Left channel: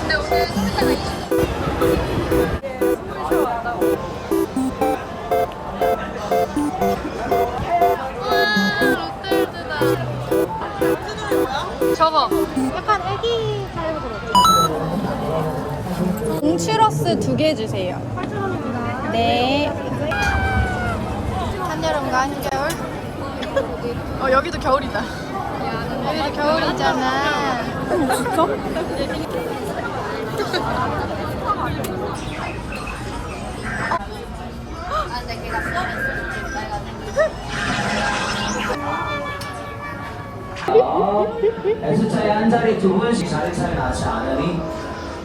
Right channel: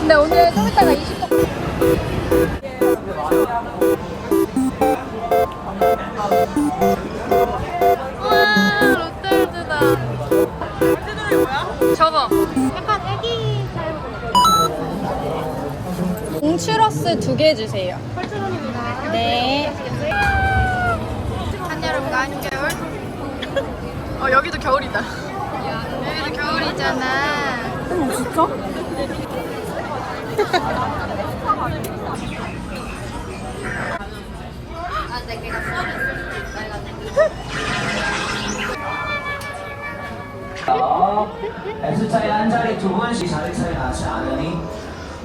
근데 오늘 좀 이따가 20도 와 롯데월드다 저거. 약간 애기 공추러스 두 개 주세요. 8,000원입니다 네. 한여름과 한겨울? 어 여기도 겨울이다 여기도 겨울이잖아 어머 진짜? S자리 한 자리 두 분씩 자리 차이 나지 않으니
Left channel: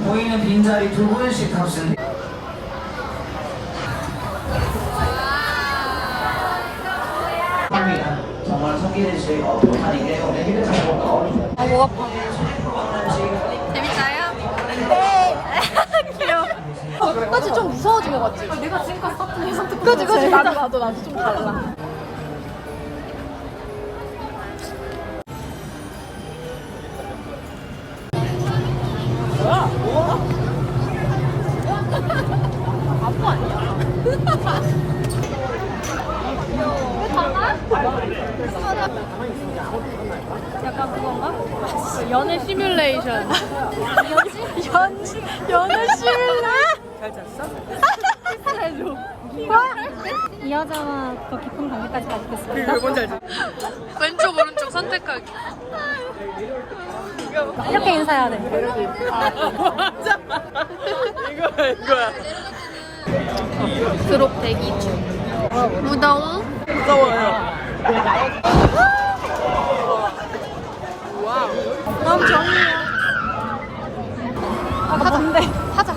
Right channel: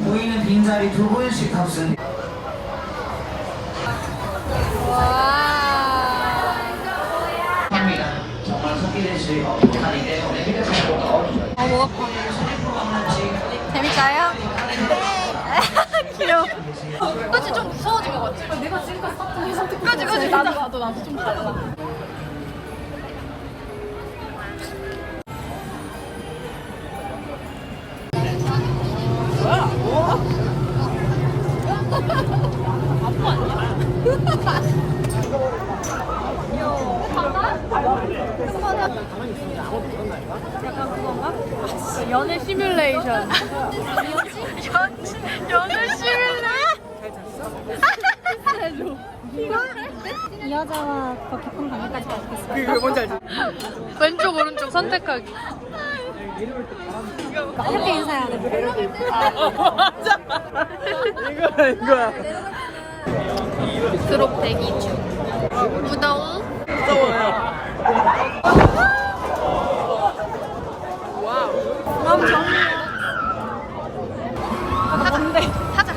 보이는 빈자리 두 분씩 탑승. 합니다. 정말 속이는 수가 없고 아니게 오늘 이렇게 없죠. 아, 목 아파. 재밌어요? 네. 귀여워. 끝까지 좀 무서워진 것 같지? 내가 지금까지 샀던 해상 특 끝까지, 끝까지. 나를 가져가지. 약간 그건가? 그 연애 시뮬레이션. 연, 연애 시뮬레? 잘 잤어? 해줘. 이 여자와 더 깊은 관계까지 가지겠습니다. 그게 뭔지 알지? 왼쪽 오른쪽 선택하기. 이렇게 인사해야 돼. 이거야 이거야. 드롭 대기 중. 무더운? 무서워요. 다음 정이야. 하자. 하자.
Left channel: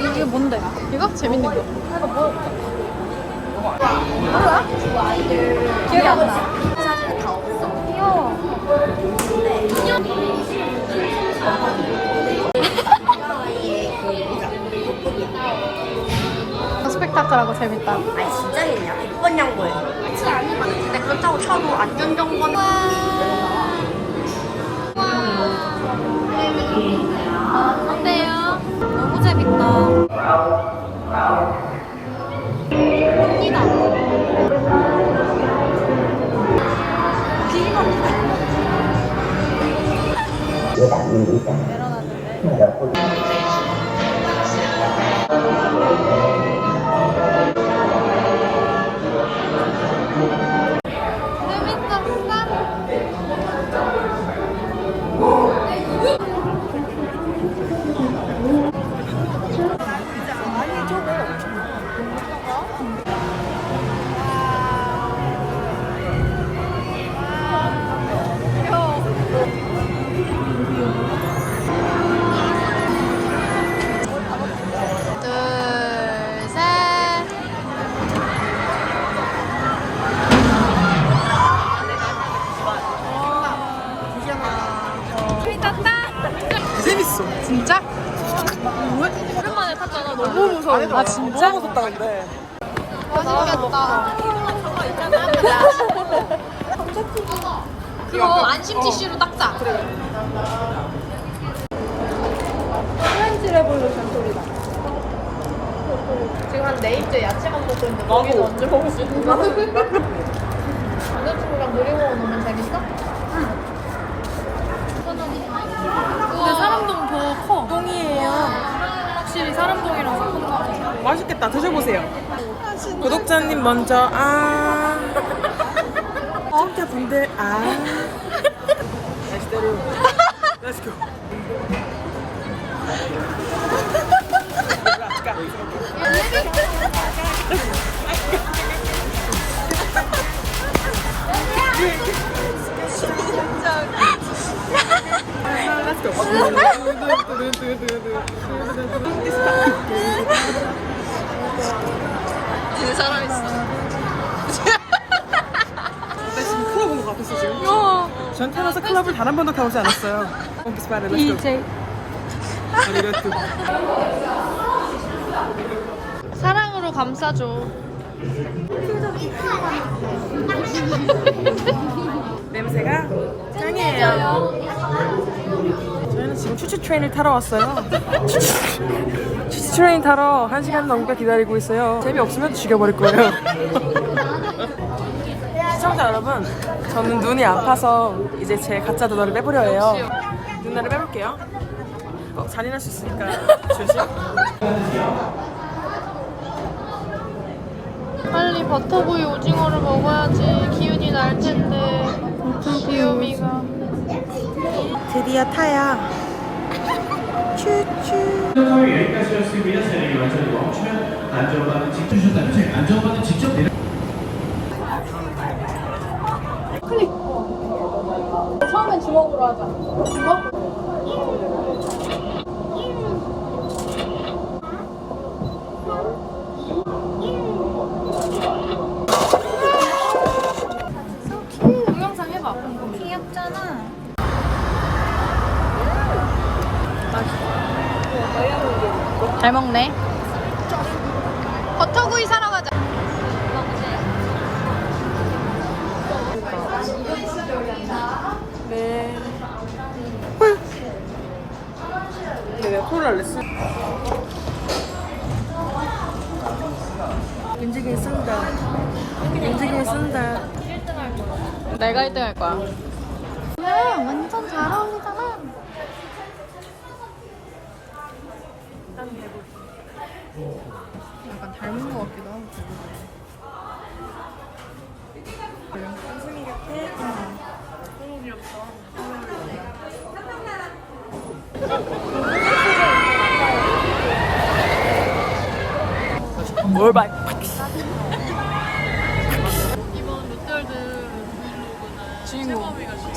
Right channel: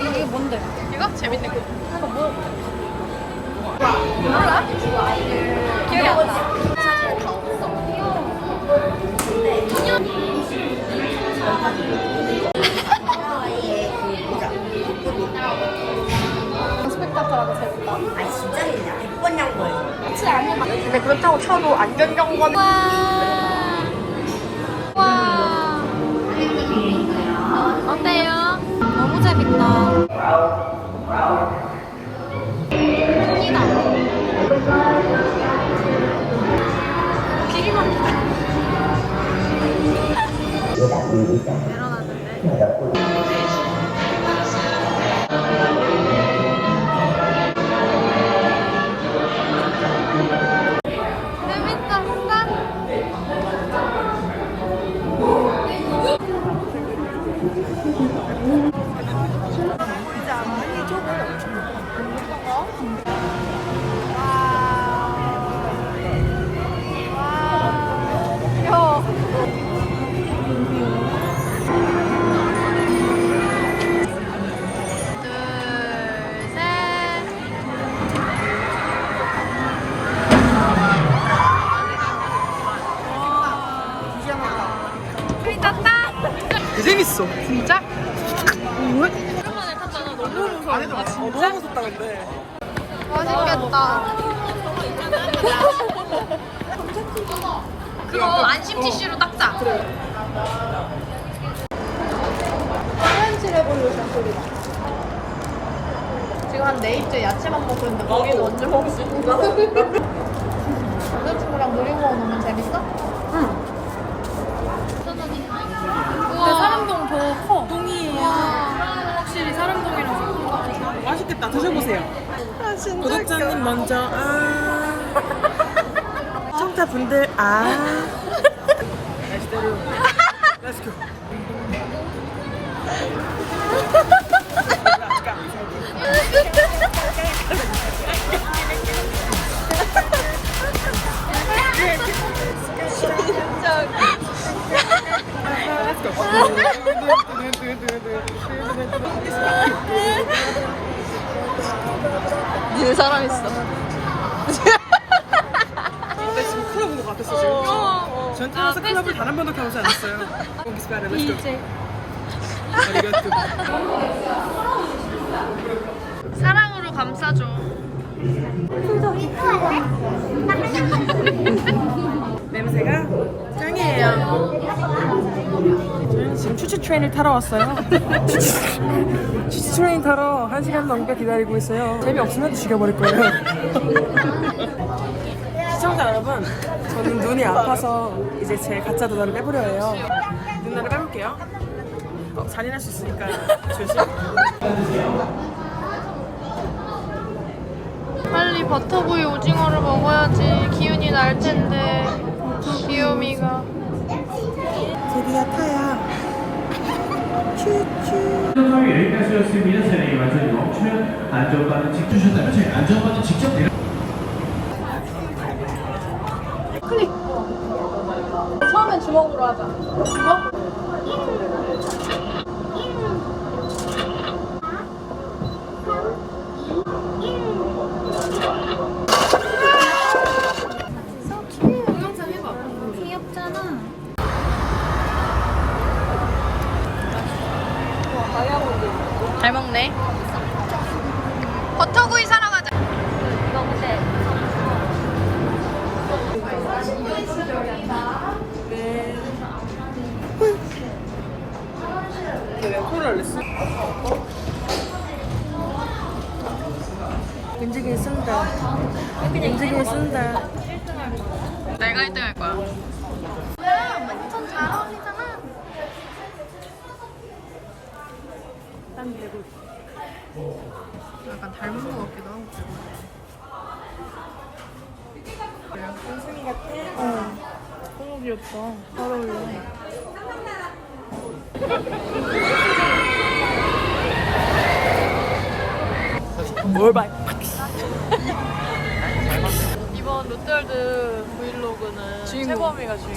이게 뭔데? 이거 재밌는 거. 스펙타클하고 재밌다. 근데 그렇다고 쳐도 안전정보 와. 재밌다. 진짜? 너무 무섭다 근데. 맛있겠다. 그거 안심 티슈로 닦자. 프렌치 레볼루션 소리다. 지금 한 네입째 야채만 먹고 있는데 거기는 언제 먹을 수 있는 거야? 남자친구랑 놀이공원 오면 재밌어? 근데 사람동 더 커. 동이에요. 확실히 사람동이랑 큰 맛있겠다. 드셔보세요. 구독자님 먼저 아. 시청자 분들 아. 날씨대로. Go. Let's 같았어 지금. 어. 전 태어나서 클럽을 단 한 번도 가보지 않았어요. 이제 아리가또. 사랑으로 감싸줘. 냄새가 짱이에요. 저희는 지금 추추 트레인을 타러 왔어요. 추추 트레인 타러 한 시간 넘게 기다리고 있어요. 재미없으면 죽여버릴 거예요. 시청자 여러분, 저는 눈이 아파서 이제 제 가짜 눈알을 빼보려 해요. 눈알을 빼볼게요. 어, 잔인할 수 있으니까 조심. 빨리 버터구이 오징어를 먹어야지 기운이 날 텐데. 귀요미가. 드디어 타야. 추추. 여기까지였습니다. 차량이 완전히 멈추면 안전바는 직접 주셨다면 저희 안전바는 직접 내려. 처음엔 주먹으로 하자. 주먹? 쓴다. 윤지기 쓴다. 내가 1등 할 거야. 뭐야, 완전 잘 어울리잖아. 약간 닮은 것 같기도 하고. 뭘 봐. 주인공.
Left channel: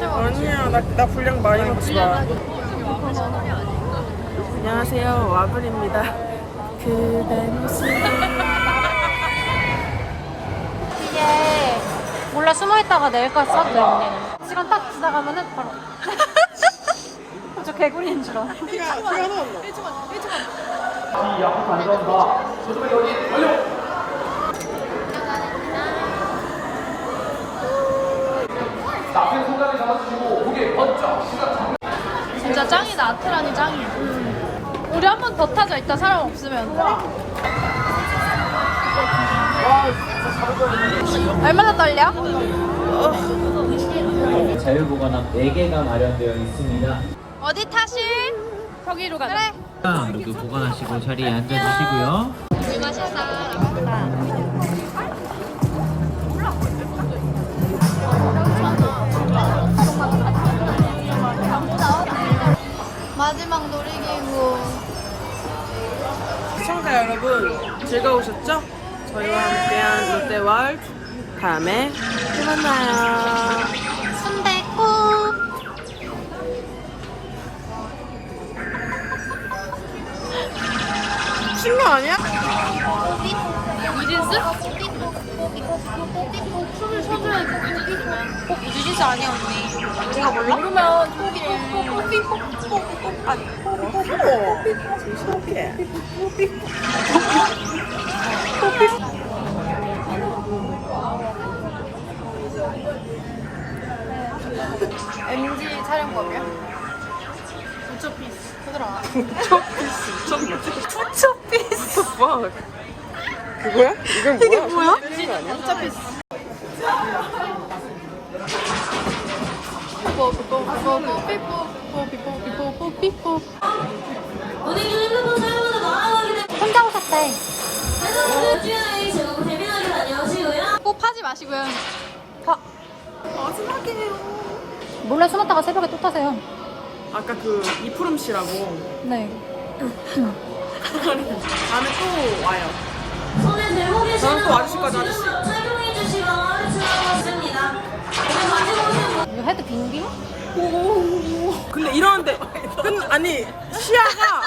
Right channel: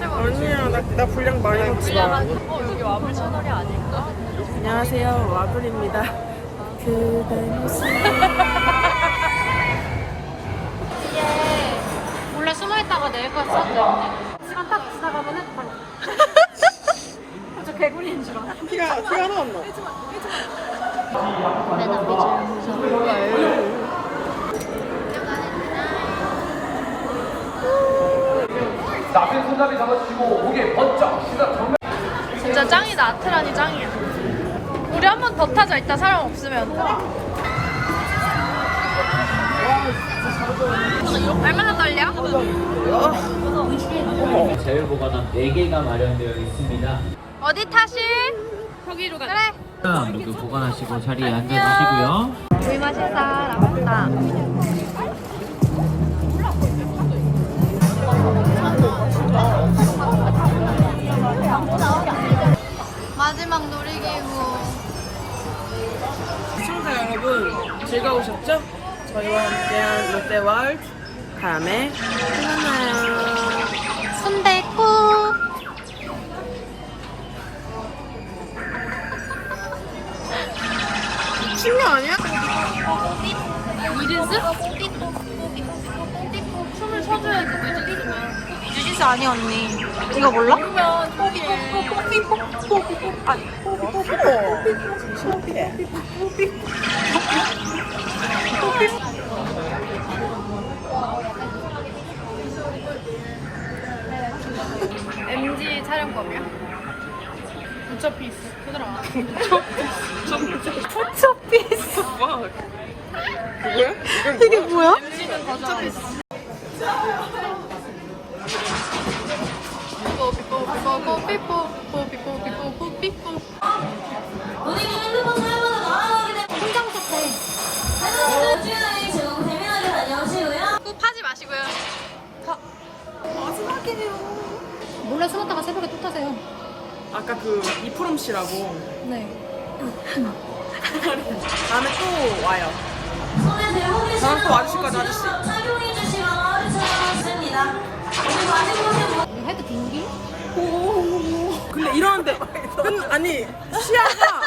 아니야, 나, 나 분량 많이 넣지 마. 안녕하세요, 와블입니다. 그대 모습이 몰라, 숨어있다가 내일까지 싹 내려. 지금 딱 지나가면은 바로. 저 개구리인 줄 알아. 진짜 짱이다. 아트란이 짱이야. 우리 한 번 더 타자. 이따 사람 없으면. 얼마나 떨려? 자율보관함 4개가 마련되어 있습니다. 어디 타실? 거기로 가. 그래. 모두 보관하시고 자리에 앉아주시고요. 마지막 놀이기구. 시청자 여러분 즐거우셨죠? 저희와 함께한 롯데월드 다음에 또 만나요. 미친 거 아니야? 유진스 아니야 언니. 이거 몰라? MG 촬영법이야? 부처피스. 초피스. 뭐? 그거야? 이게 뭐야? 혼자 오셨대. 마시고요. 몰래 숨었다가 새벽에 또 타세요. 아까 그 이프롬 씨라고 네. 다음에 또 와요. 저랑 또 거죠 아저씨? 이거 헤드 빙빙? 근데 이러는데 끝 아니 시야가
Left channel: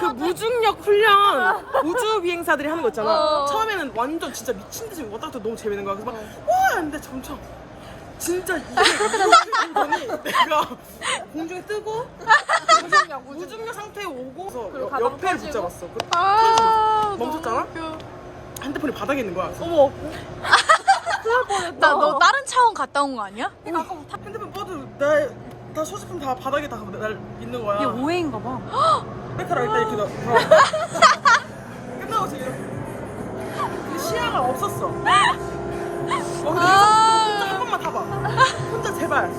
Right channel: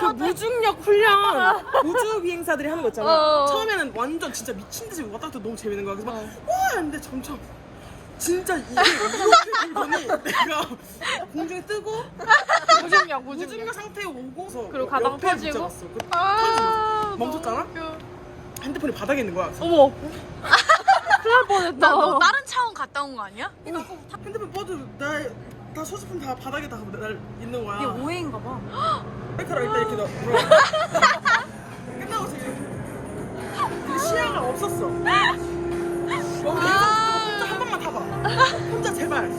그 무중력 훈련 우주 비행사들이 하는 거 있잖아. 처음에는 완전 진짜 미친 듯이 왔다 갔다 너무 재밌는 거야. 그래서 막와 했는데 점점 진짜 이게 이렇게 돌더니 내가 공중에 뜨고 무중력, 무중력 상태에 오고 그래서 옆에 붙잡았어. 그 아, 멈췄잖아. 핸드폰이 바닥에 있는 거야. 그래서 어머. 큰일 나너 다른 차원 갔다 온 거 아니야? 핸드폰 뻗어 나다 소지품 다 바닥에 다 날 있는 거야. 이게 오해인 거 봐. 백화라 일단 이렇게 넣어. 들어. 끝나고서 이렇게. 근데 시야가 없었어. 어, 근데 아. 혼자 한 번만 타봐. 혼자 제발.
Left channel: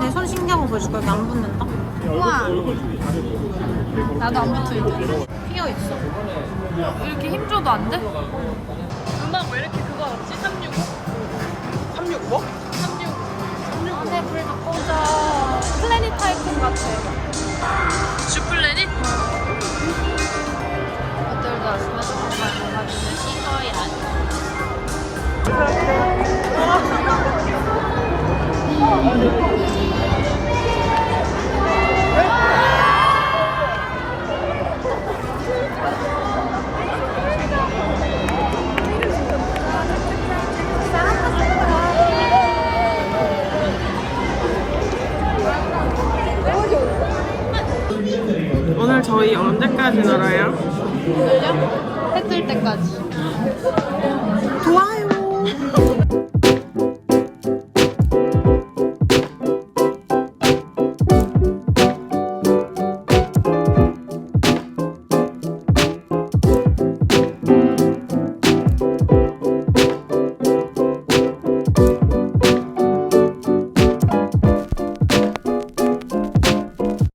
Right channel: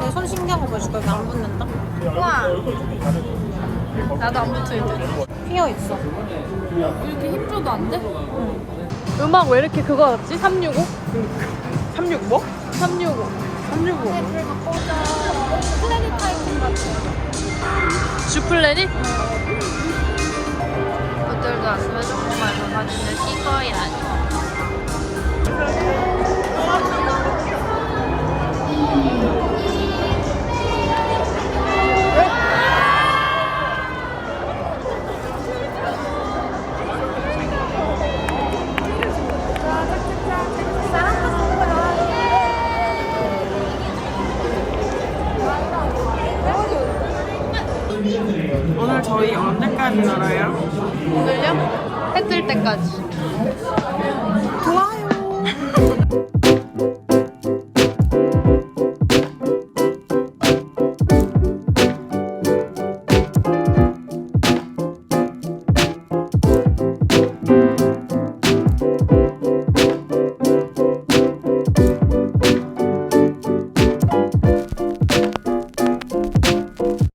내 손 신경 써줄까? 안 붙는다. 우와. 나도 안 붙어 이제. 휘어 있어. 이렇게 힘줘도 안 돼? 음악 왜 이렇게 그거 같지? 365? 36 뭐? 365. 안에 불가 꺼져. 플래닛 타이쿤 같아. 주플래닛? 호텔 갔으면 조금만 사진을 찍어야 오늘 때까지.